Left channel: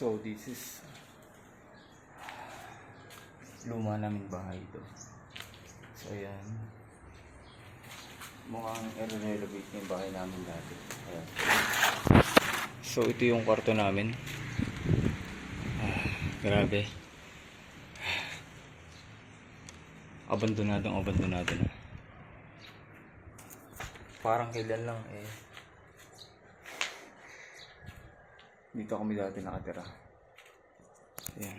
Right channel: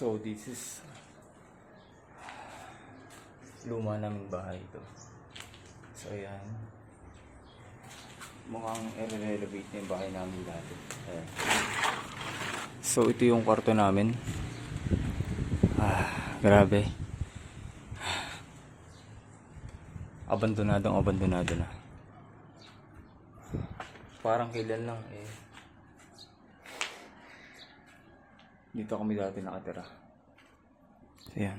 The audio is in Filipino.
So this is luma naming bahay ito. So ayan, mukhang i-renovate na yung bahay namin dati. Ayan. So ito yung kwarto namin. Grabe, abandonado na. Parang kailan lang dito kami dati nakatira. Ayan.